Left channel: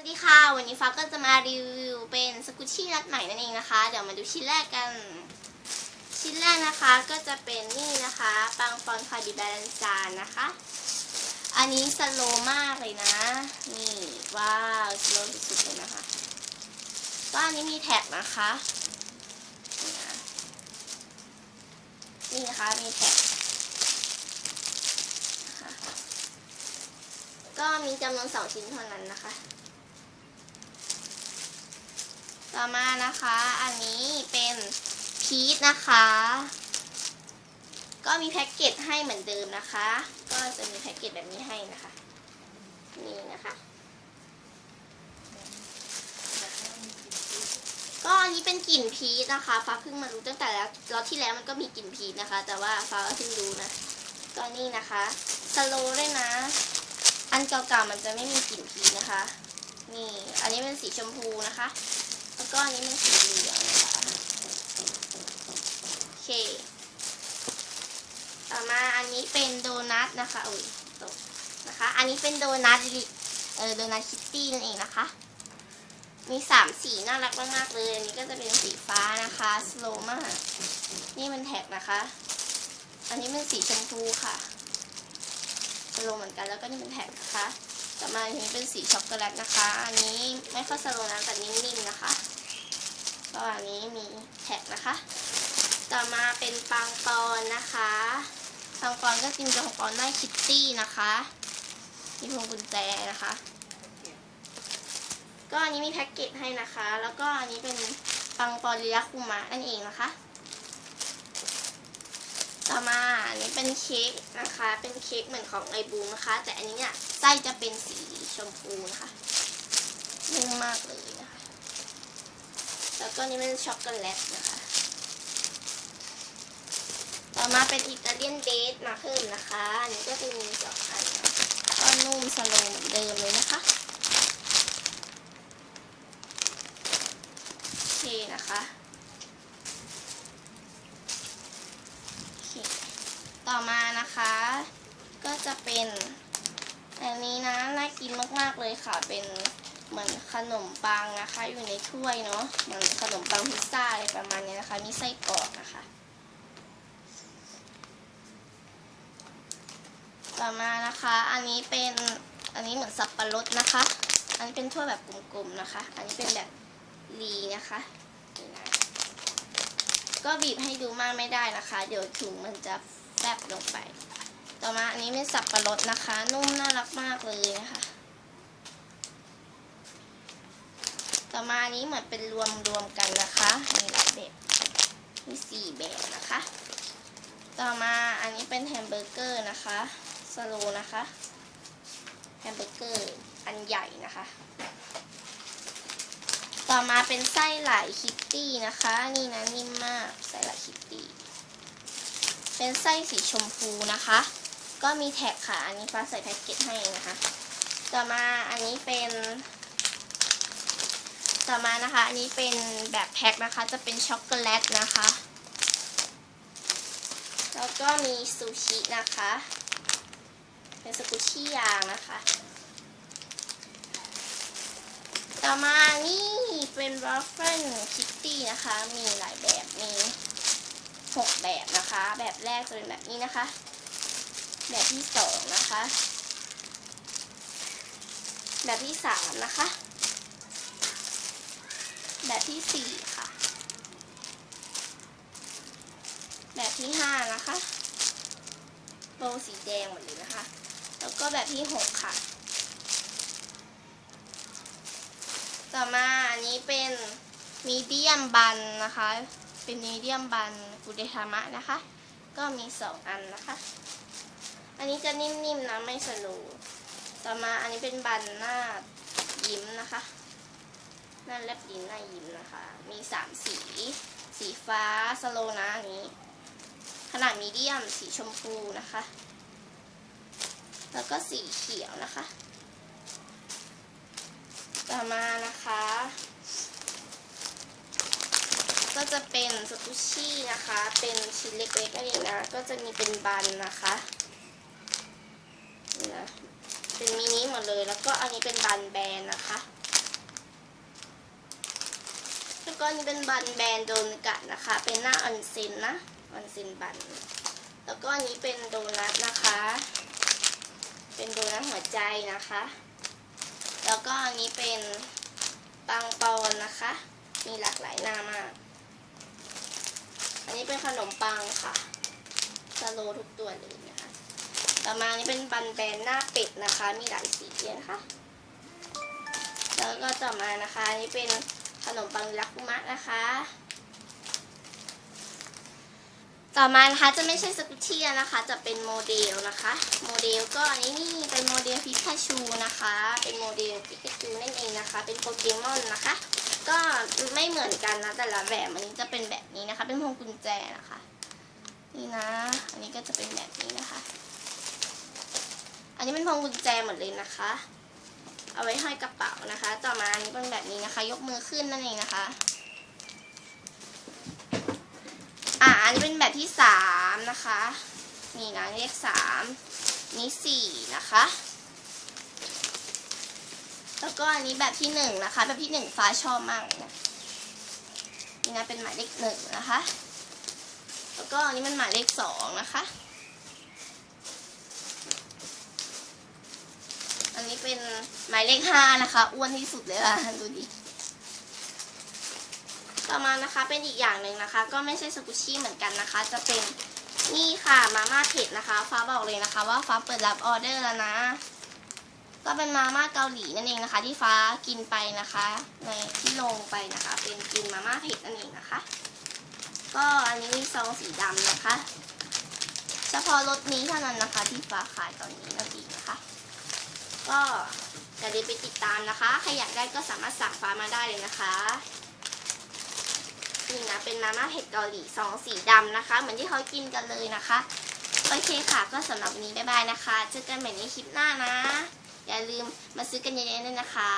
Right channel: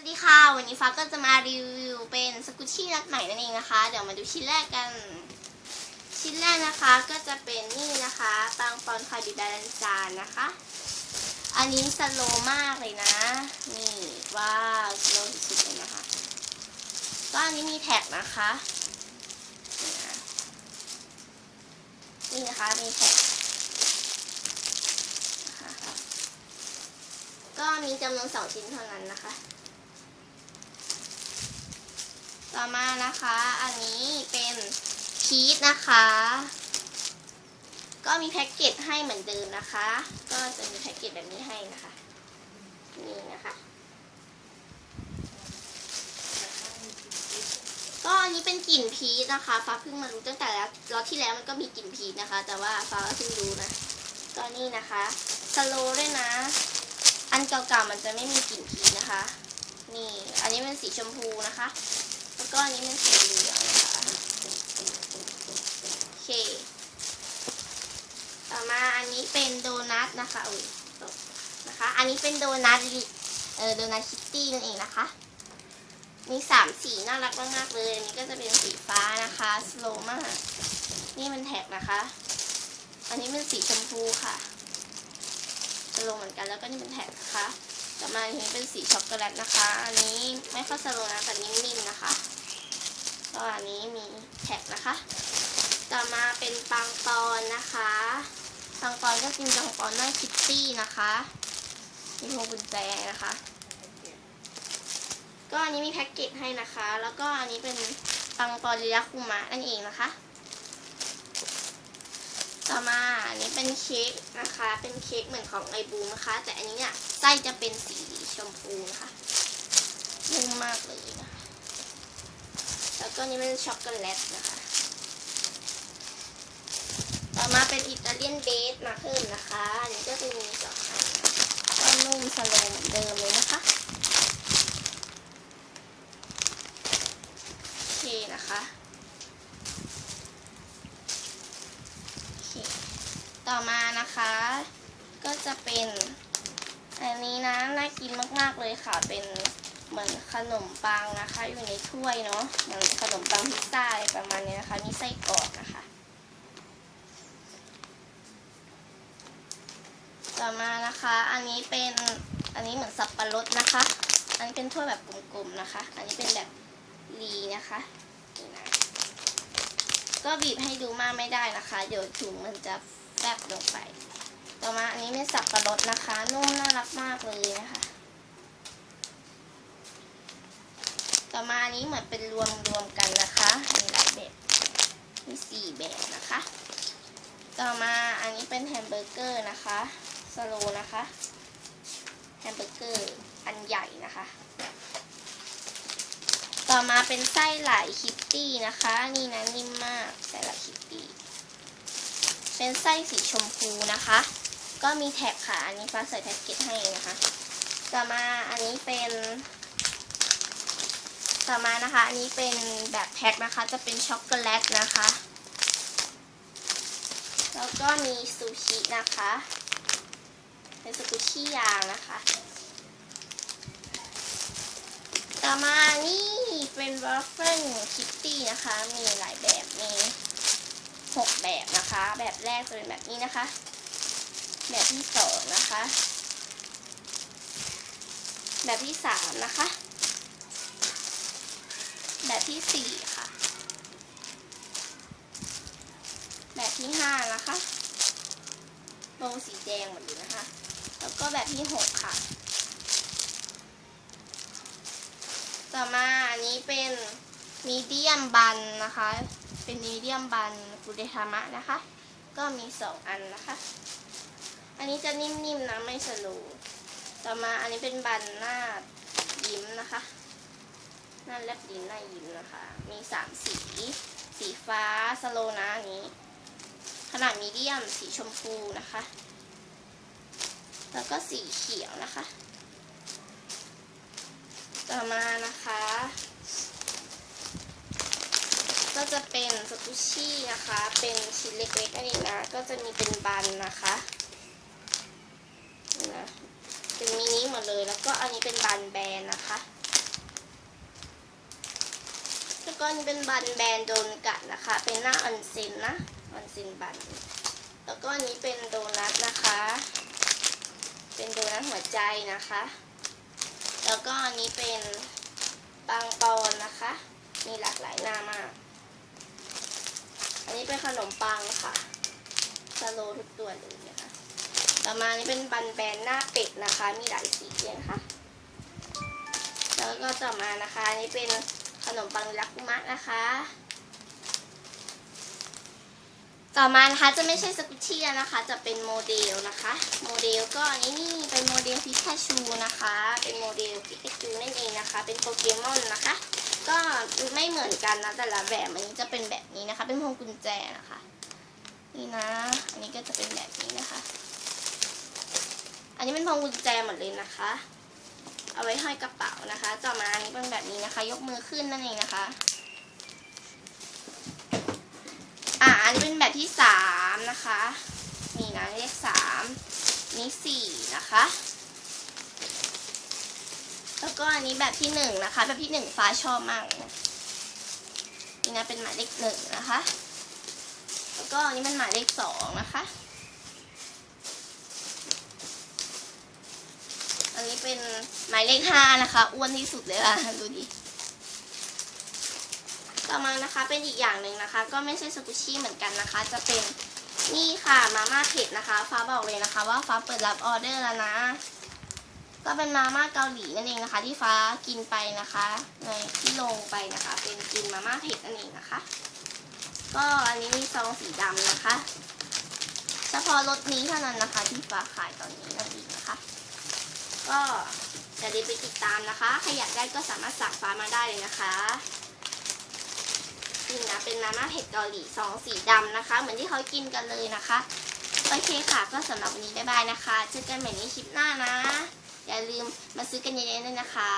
สวัสดีค่ะ วันนี้ฟ้าก็จะมารีวิวเป็นสกุชชี่นัดใหม่นั่นเองนะคะ เดี๋ยวมาดูชิ้นแรกกัน ชิ้นแรกนะคะก็จะเป็นนี่นะคะปังปอนคาบิบาลันจานนะคะ อันนี้สโลมากเลยนะ นี่ว้าวสโลสุดๆเลยนะคะ ก็อันนี้มีแท็กนะคะ นี่นะนี่นะคะมีแท็กนะคะก็มีจำนวนสองชิ้นเท่านั้นนะคะ ต่อมานะคะ อันนี้เป็นพีชนะคะ ก็มีแพ็กเกจให้เหมือนเดิมนะคะ ก็จะมีแพ็กเกจแบบนี้ให้นะคะ นี่นะคะ ก็อันนี้เป็นกลิ่นพีชนะคะ ฟ้าเพิ่งมารู้ตั้งแต่แล้วรอบที่แล้วมันก็มีกลิ่นพีชนะคะ แต่ว่าฟ้าเพิ่งรู้นะ ก็นี่นะคะสโลด้วยนะ อันเก่าๆมันจะไม่มีกลิ่นพีชนะคะ นี่ อันนี้เป็นสีชมพูนะคะ แล้วก็อันนี้เป็นสีเหลืองนะคะโอเค ต่อมาอันนี้เป็นโดนัทนะคะอุ้ยตกนะคะ อันนี้เป็นโดนัทเออโดนัทคิตตี้นั่นเองนะคะ มีสามสีน่ารักมากๆเลย อันนี้ก็จะเป็นสีฟ้านะคะสโลมาก นี่มันแท็กนะคะ อันนี้เป็นสีชมพูค่ะสโลเหมือนกันแล้วก็นี่เป็นแท็กนะคะ ต่อมาอันนี้เป็นสีช็อกโกแลตนะคะ อันนี้ไม่ค่อยสโลนะแต่นิ่มๆนะคะก็อันนี้มีแท็กนะคะ ต่อมาเป็นปังปอนนะคะปังปอนก็จริงๆของปอนได้คิตตี้นะคะมีพวงกุญแจนะคะ ก็อันนี้มีแพ็กเกจให้นะคะ แล้วก็อันนี้เป็นปังปอนลิยาคุมะนั่นเองนะคะ ต่อมาอันนี้เป็นเค้กนะคะ เป็นเค้กเหมือนของไอบูมนะคะ แต่อันนี้เนี่ย ไส้จะเป็นสีชมพูนะคะนุ่มมากเลยนะคะ แล้วก็นี่เป็นช็อกโกแลตนะคะ ต่อมาเป็นอิตาเลียนเดทมาเพิ่มนะคะอันนี้ก็จะมีสองอันก็นุ่มสโลว์เหมือนเดิมเลยนะคะโอเคนะคะโอเคต่อมานะคะ ก็จะเป็น อันนี้นะน่ากินมากๆเลยค่ะ เป็นเหมือนขนมปังนะคะ อยู่ในถ้วยเนาะเหมือนขนมปังพิซซ่าอะไรประมาณนี้นะคะ มีไส้กรอกนะคะ ต่อมานะคะ อันนี้เป็นอันนี้เหมือนสับปะรดนะคะ อันนี้เป็นถ้วยแบบกลมๆนะคะ อันนี้เป็นแบบรีนะคะนี่นะก็บีบให้ดูมากไม่ได้นะคะ เดี๋ยวถุงมันจะแฟบลงไป ต่อมาอันนี้เป็นสับปะรดนะคะ นุ่มน่ารักมากเลยนะคะ ต่อมาอันนี้เหมือนเป็นรวมรวมๆกันนะคะ มีหลายแบบมีสี่แบบนะคะ ต่อมาอันนี้เป็นแฮมเบอร์เกอร์นะคะสโลนะคะแฮมเบอร์เกอร์อันใหญ่นะคะ ต่อมาเป็นไส้ไหลคิตตี้นะคะ นี่นะนิ่มมากไส้ไหลคิตตี้เป็นไส้สีชมพูนะคะ ก็มีแท็กค่ะ อันนี้ฟ้าใส่แพ็กเกจให้นะคะ ต่อมาอันนี้เป็น ต่อมานะคะ อันนี้เป็นแบบแพ็คนะคะ จะเป็นช็อกโกแลตนะคะ แล้วก็มีซูชินะคะ เป็นสกุชี่ยางนะคะ ต่อมานี่เป็นวอฟเฟิลคิตตี้นะคะ มีหลายแบบ มีหกแบบนะคะ แบบแรกจะเป็นแบบนี้นะคะ แบบที่สองนะคะ แบบที่สามนะคะ แบบที่สี่ค่ะ แบบที่ห้านะคะโบสีแดงหมดเลยนะคะ แล้วก็แบบที่หกค่ะ ต่อมาอันนี้เป็นมีเดียมบันนะคะ เป็นมีเดียมบันกุเดทามะนะคะ ก็มีสองอันนะคะ อันนี้จะนิ่มๆนะไม่สโลว์ต่อมาอันนี้เป็นบันหน้ายิ้มนะคะ หน้าแลบลิ้นหน้ายิ้มนะคะ มีสามสี สีฟ้าสโลว์นะอันนี้ ขนาดมีเดียมสีชมพูนะคะ แล้วก็สีเขียวนะคะ ต่อมานะคะ ก็จะเป็นสกุชชี่นะคะ เป็นชิ้นเล็กๆนั่นเองนะ ก็จะมีเป็นบันนะคะ เป็นมินิหมดเลยแล้วก็อันนี้เป็นบันแบนนะคะ แล้วก็นี่เป็นบันแบนโดนกัดนะคะ เป็นหน้าออนเซนนะออนเซนบัน แล้วก็อันนี้เป็นโดนัทนะคะ เป็นโดนัทหัวใจนะคะ แล้วก็อันนี้เป็นปังปอนนะคะ มีหลากหลายหน้ามาก อันนี้เป็นขนมปังค่ะสโลทุกตัวเลย ต่อมานนี้เป็นบันแบนหน้าเป็ดนะคะ มีหลายสีเลยนะคะ แล้วก็ต่อมานะคะนนี้เป็นขนมปังรักุมะนะคะ ต่อมานะคะจะไม่ใช่สกุชชี่นะคะ จะเป็นโมเดลนะคะ โมเดลก็อันนี้นี่เป็นโมเดลพิกาชูนะคะ เป็นโมเดลพิกาชูนั่นเองนะคะ เป็นโปเกมอนนะคะ ก็ไม่เหมือนกันนะแต่ละแบบอันนี้จะเป็นแบบนี้นะคะ เป็นพวงกุญแจนะคะ นี่นะ อันนี้ก็จะเป็นแบบนี้นะคะ อันนี้เป็นพวงกุญแจหมดเลยนะคะ เอาไว้ห้อยกระเป๋านะคะ ต่อมาอันนี้เป็นแบบนี้นะคะ ยกมือขึ้นนั่นเองนะคะ อ่าอันนี้เป็นแบบที่สามนะคะ นี่นะเลขสามนี่สี่นะคะ แล้วก็อันนี้แบบที่หนึ่งนะคะ แบบที่หนึ่งฟ้าชอบมากเลยนะนี่นะเป็นหมายเลขหนึ่งนะคะ แล้วก็อันนี้มันหมายเลขสองนะคะ อันนี้เป็นหมายเลขห้านะคะอ้วนที่สุดเลยค่ะดูดิต่อมานะคะเป็นอีกอย่างหนึ่งนะคะ ก็ไม่ใช่สกุชชี่เหมือนกันนะคะ จะเป็นนี่ค่ะมาม่าเผ็ดนะคะ ฟ้าบอกเลยนะคะ ว่าฟ้าเปิดรับออเดอร์แล้วนะก็เป็นมาม่าเกาหลีนั่นเองนะคะ ที่ฟ้ากินไปนะคะในที่ลงไปนะคะ เป็นกินมาม่าเผ็ดนั่นเองนะคะ ก็อันนี้มีซองสีดำนะคะ เฉพาะรถนี้เท่านั้นนะคะ ที่ฟ้าขายตอนนี้นั่นเองนะคะ ก็อย่าลืมไปติดตามนะคะ ใครอยากได้ก็สามารถสั่งฟ้ามาได้เลยนะคะนี่นะเป็นมาม่าเผ็ดเกาหลีซองสีดำนะคะ เหมือนที่เขากินกันเลยนะคะ โอเคค่ะ ก็สำหรับวันนี้บ๊ายบายนะคะ เจอกันใหม่ในคลิปหน้านะ อย่าลืมมาซื้อกันเยอะๆด้วยนะคะ